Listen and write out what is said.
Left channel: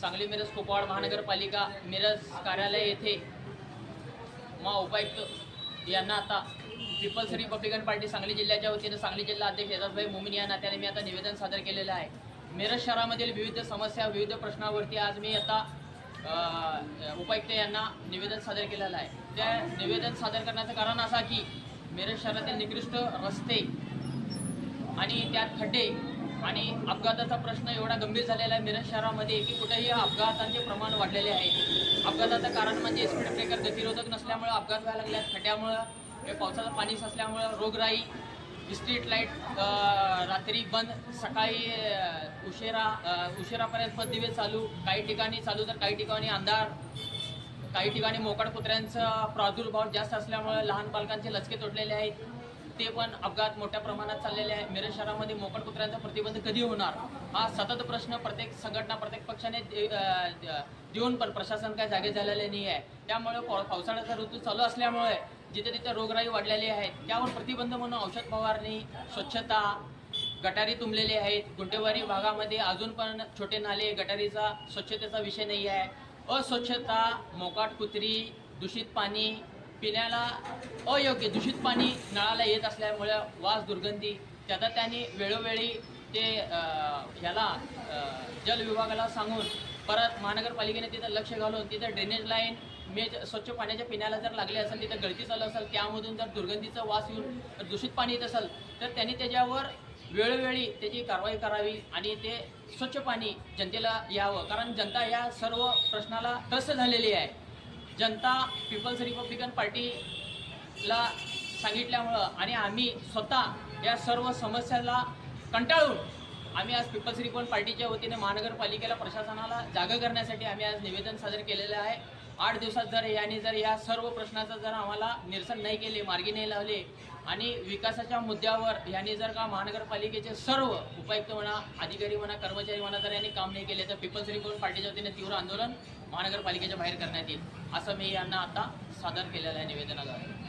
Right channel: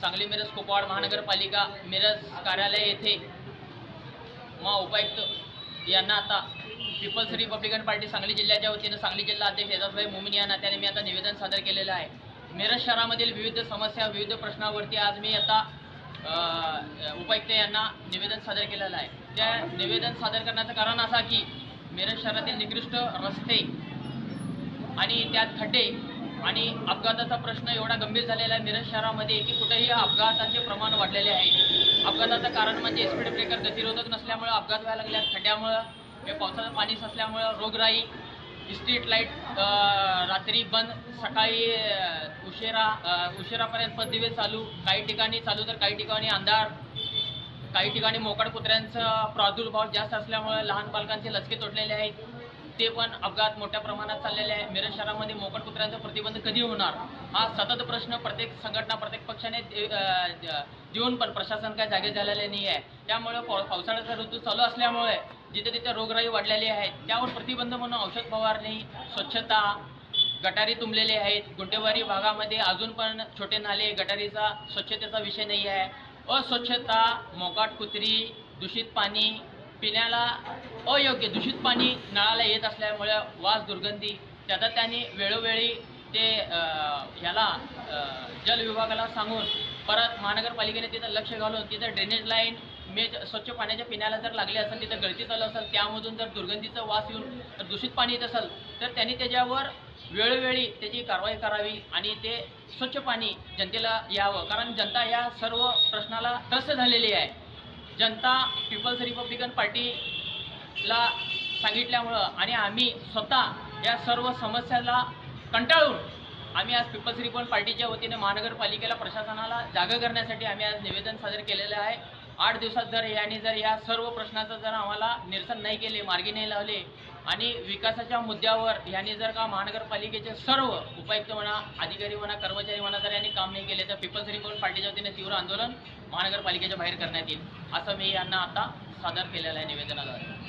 सांगली मिरज कुपवाड महानगरपालिका मिरज कार्यालय येथे उपायुक्त यांना आता पीपल्स रिपब्लिकन पार्टी सांगली जिल्ह्याच्या वतीनं सांगली जिल्हा अध्यक्ष एजाजभाई मोमीन या नात्याने मी आता निवेदन सादर केलेलं आहे। मिरज शहरामधील विविध समस्या विविध प्रश्नावरती आज मी आता उपायुक्त यांना निवेदन सादर केलेलं आहे। त्या निवेदन सादर करण्याचं कारण असा की मिरज शहरातील निकृष्ट रस्ते आणि त्यात खड्डे आणि अपघाताचा प्रश्न एवढा गंभीर झालेला आहे मिरज शहरामध्ये की कुठेही अपघातांचे प्रमाण वाढलेले आहे। अपघाताचं कारण म्हणजे स्पीड ब्रेकर गतिरोधक नसल्यामुळे अपघात व्हायला लागले, खड्ड्यामुळं हे पावसाचं पाणी साचल्यामुळं रोगराई, स्ट्रीट लाईट रात्री बंद, सकाळी उशिरापर्यंत पददिवे चालू, काही ठिकाणी चालू तर काही ठिकाणी अंधार, काही ठिकाणी मोकाट कुत्र्यांचा प्रादुर्भाव जास्त असल्यामुळे लहान बालकांचे लचके तोडलेले आहेत, ते पण अपघात मोठ्या प्रमाणात चाललेले आहे। मिरज शहरामध्ये मोकाट कुत्र्यांचा प्रतिबंध कधी होणार हा सतत प्रश्न प्रत्येक संघटना प्रत्येक पक्षाने देऊन पण प्रशासन काय जागे झालेले नाही आहे। त्यामुळे पावसाळ्याचा ऋतू चालू असल्यामुळे जिथे तिथे रोगराई वाढलेली आहे, त्यावर प्रतिबंध म्हणून औषध फवारणी, स्वच्छता, गटारी तुंबलेले आहेत। गुंटेवारी भागामध्ये अजून पण छोटे नाले, गटारीचा स्वच्छतेचा विषय नाही आहे। अस्वच्छता, मोकाट कुत्री, दूषित पाणी, पिण्याला अयोग्य दूषित पाणी नळाला येत असल्यामुळे वास दुर्गंधी, त्यात त्यांनी वेळोवेळी ते जल विभागाला सांगून परत महानगरपालिकेने तिथं लक्ष घालून तिथं ड्रेनेज लाईन स्वच्छ पाण्याच्या पिण्याला जर लागले असेल, तिथं गळती चालू असेल, त्यामधून जर दुर्गंधीचा वास येऊन दूषित पाणी येत असेल तर त्यांनी त्याच्यावर वेळोवेळी त्याची कारवाई करावी आणि ते स्वच्छ पाणी जनतेला यावं। कारण जनता या सर्व प्रश्नाला त्रस्त झालेली आहे। जनता पीपल्स रिपब्लिकन पार्टीला सांगितल्यामुळं आणि आम्ही स्वतः या सर्व समस्याला कंटाळून आम्ही आज पीपल्स रिपब्लिकन पार्टीच्या वतीने महानगरपालिकेला प्रशासनाला जागा करण्यासाठी आम्ही आज निवेदन सादर केलेलं आहे। 8 दिवसात जर या सर्व प्रश्नाचं जर आम्हाला निरसन नाही केले, मार्गी नाही लावले आणि विकासाच्या मुद्द्यावर यांनी जर का महानगरपालिकेचे सर्व उपायुक्त म्हणा, अधिकारी म्हणा, कर्मचारी म्हणा जर यांनी काम नाही केले तर पीपल्स रिपब्लिकन पार्टीच्या वतीने तीव्र आंदोलन महानगरपालिकेच्या बाहेर करण्यात येईल, असं मी यांना आता सादर केलेलं आहे निवेदनाद्वारे।